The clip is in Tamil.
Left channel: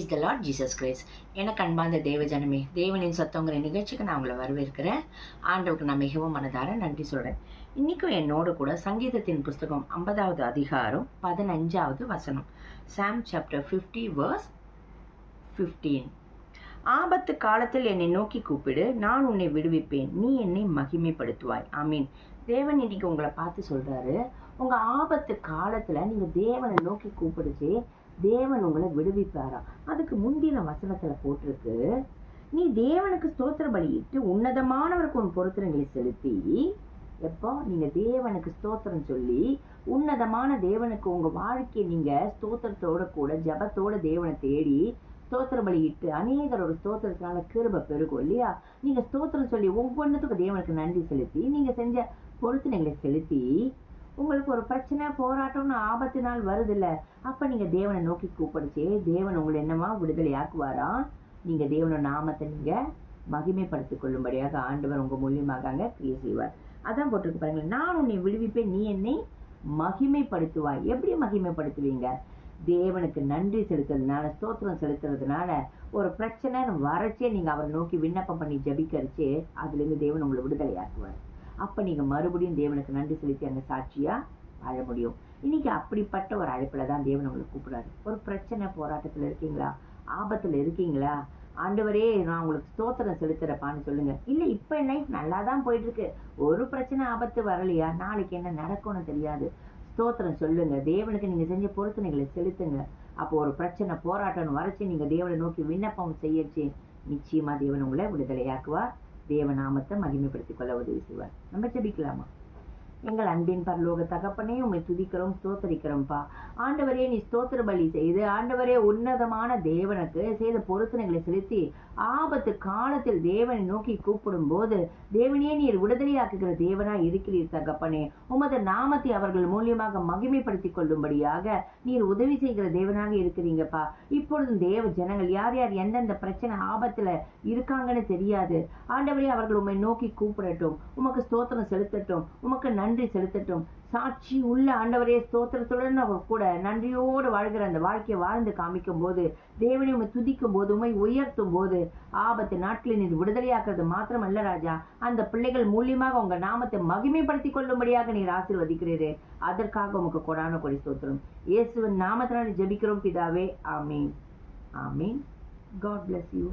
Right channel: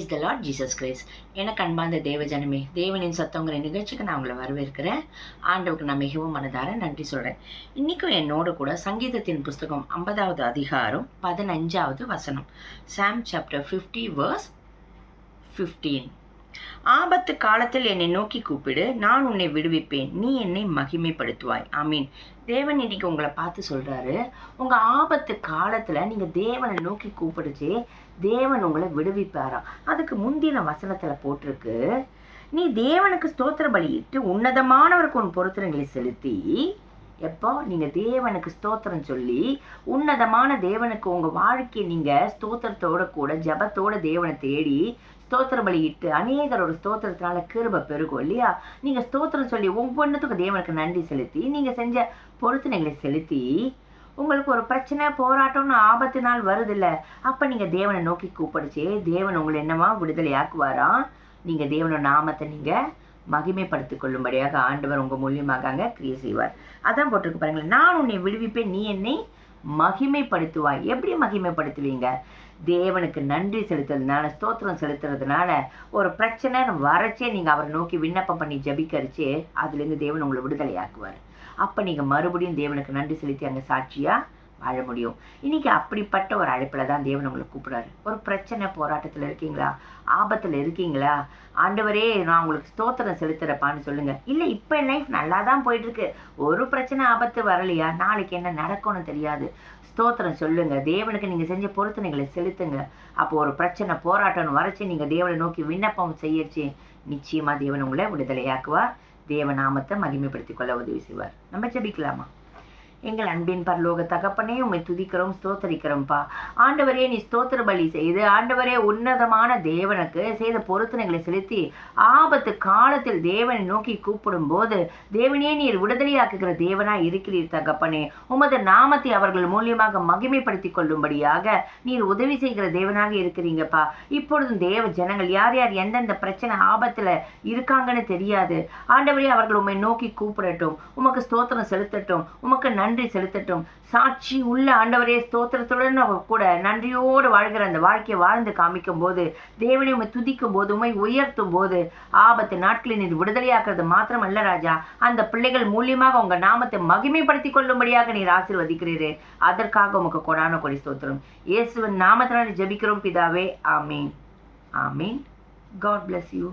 Praise the Lord Jesus Christ. எனக்கு அன்பார்ந்த தேவஜனமே, தேவனின் சத்தங்கிற நிகழ்ச்சிக்கு நான் உங்களை வரவேற்கிறேன். ஆண்டவருக்கு நான் மிகவும் மனதார நன்றி சொல்கிறேன். இன்றைக்கும் என்னோடு கூட சங்கீதத்தின் புஸ்தகம் 50வது அதிகாரம் 15வது வசனம், சாம் சாப்டர் 50 verse 15. ஆபத்து காலத்தில் என்னை நோக்கி கூப்பிடு, நான் உன்னை விடுவிப்பேன், நீ என்னை மகிமைப்படுத்துவாய். ஆமீன். தேவன் இன்னைக்கு உங்களை பார்த்து சொல்றாரு, உங்க ஆபத்து காலத்துல நீங்க தேவனை நோக்கி கூப்பிடுச்சு, தேவன் உங்களை விடுவிப்பாராம். அதுக்கு முந்தின வசனத்துல போட்டிருக்கு, நீ தேவனுக்கு ஸ்தோத்திர பலியிட்டு உன்னதமானவருக்கு உன் பொருத்தனைகளை செலுத்தி. எப்போ நீங்க தேவனுக்கு ஸ்தோத்திரம் சொல்லி உன்னதமான தேவனுக்கு உங்க வாழ்க்கையை நீங்க ஸ்தோத்திரத்தோட கூட ஜபத்தோட தேவனை தேடி ஸ்தோத்திர பலியிட்டு அநேகரோட ஸ்தோத்திரத்தினால கிருபை பெருகும் இல்லையா? நீங்க ஸ்தோத்திரம் சொல்லி ஒவ்வொன்றுத்துக்கும் தேவனுக்கு நன்றி செலுத்தி நீங்க செஞ்ச பொருத்தனைகளை செலுத்தி உங்களுக்கு ஒரு பிரச்சனை போராட்டம்னு ஆபத்து நாள் வருது இல்ல, அப்ப நீங்க தேவனை நோக்கி கூப்பிடுச்சே, தேவன் உங்களை என்னமா விடுதலை ஆக்குவாராம். நீங்க தேவனோட நாமத்தை நீங்க மகிமைப்படுத்திக் கொள்ளும்படியாக ஆண்டவர் உங்க மூலியமாக அங்க கிரியை செய்வார். அதான் போட்டிருக்கு பாருங்களேன், நான் உன்னை விடுவிப்பேன், நீ என்னை மகிமைப்படுத்துவாய். எப்படி மகிமைப்படுத்துவீங்க? தேவனுக்கு நன்றி செலுத்துறதுனால, ஸ்தோத்திரம் செலுத்துறதுனால. ஒரு பிரச்சனை வரச்சே நீங்க அவரை நோக்கி விண்ணப்பம் பண்ணி ஜபிக்கரிச்சே அதுல இருந்து தேவன் உங்களை விடுதலை ஆக்குவார். அப்ப நீங்க மறுபடியும் தேவனுக்கு நன்றி செலுத்தி அங்க சாட்சியா வாழ முடியும். இன்னைக்கு அப்படிப்பட்ட ஒரு அழைப்புல தான் தேவன் உங்களை கூப்பிடுறாரு. ஒரு பிரச்சனை போராட்டத்துல இருக்கீங்களா? ஆபத்துல இருக்கீங்களா? ஆண்டவரே நான் உங்களுக்கு ஸ்தோத்திரம் செலுத்துறப்பான்னு சொல்லுங்க. இல்ல இப்ப என் லைஃப் நல்லா தான் போயிட்டு இருக்கு, ஒரு பிரச்சனை ஆபத்து வரலையா, நாளைக்கு என்ன நடக்கும்னு தெரியாது. ஸ்தோத்திரம் சொல்லுங்க, தேவனுக்கு நீங்க செஞ்ச பொருத்தனைகளை செலுத்துங்க. அப்போ ஒரு பிரச்சனை போராட்டம் வரைச்சு நீங்க தேவனை நோக்கி விண்ணப்பம் செய்யச்சு, நிச்சயமா தேவன் உங்களை விடுதலையாக்குவார். தேவ நாமத்தை மகிமைப்படுத்திக் கொள்ள உதவி செய்வார். நம்ம ஜெபிக்கலாமா? எங்கள் அன்பின் பரலோக தகப்பனே, உம்மை துதிக்கிறோம், ஸ்தோத்தரிக்கிறோம்ப்பா. ஆண்டவரே, நீ ஸ்தோத்திர பலி செய்து ஆண்டவரே உன்னதமான தேவனுக்கு செய்த பொருத்தனைகளை செலுத்தி ஆபத்து காலத்தில் தேவனை நோக்கி கூப்பிடும் போது தேவனே நீர் விடுதலையாக்குகிற தேவனாய் இருக்கிறீர் தகப்பனே. உமது நாமத்தை அவர்கள் மூலியமாக மகிமைப்படுத்திக் கொள்ளும்படியாக நீர் உதவி செய்கிற தேவனாக இருக்கிறீங்கப்பா. இப்பொழுதும் தேவ ஜனங்கள் யார் யார் எந்தெந்த பிரச்சனை ஆபத்துல இருக்காங்கன்னு தெரியாது ஆண்டவரே, அவர்கள் உம்மை நோக்கி கூப்பிடட்டும், உமக்கு ஸ்தோத்திரம் செலுத்தட்டும், உமக்கு நன்றி செலுத்தட்டும். சாட்சி உள்ள ஆண்டவரே ஸ்தோத்திரத்துடன் கூட நன்றியோடு வாழ்கிற அந்த வாழ்க்கையை வாழ்ந்து காமிக்கும் போது, தேவனை உம்மை துதிக்கும் போது, உம்மை உயர்த்தும் போது, ஆபத்து நாட்களில் நீர் விடுதலையாக்குறது மாத்திரமல்ல ராஜா, அந்த பிள்ளைகள் மூலியமாக உங்க நாமத்தை மகிமைப்படுத்திக் கொள்ளும்படியாக நீர் ஆசீர்வதிக்கிறீரே, அதற்காக உமக்கு கொடான கொடி ஸ்தோத்திரம். இயேசுவின் நாமத்தினால் ஜெபிக்கிறோம் பிதாவே, ஆமீன். ஆமீன். God bless you.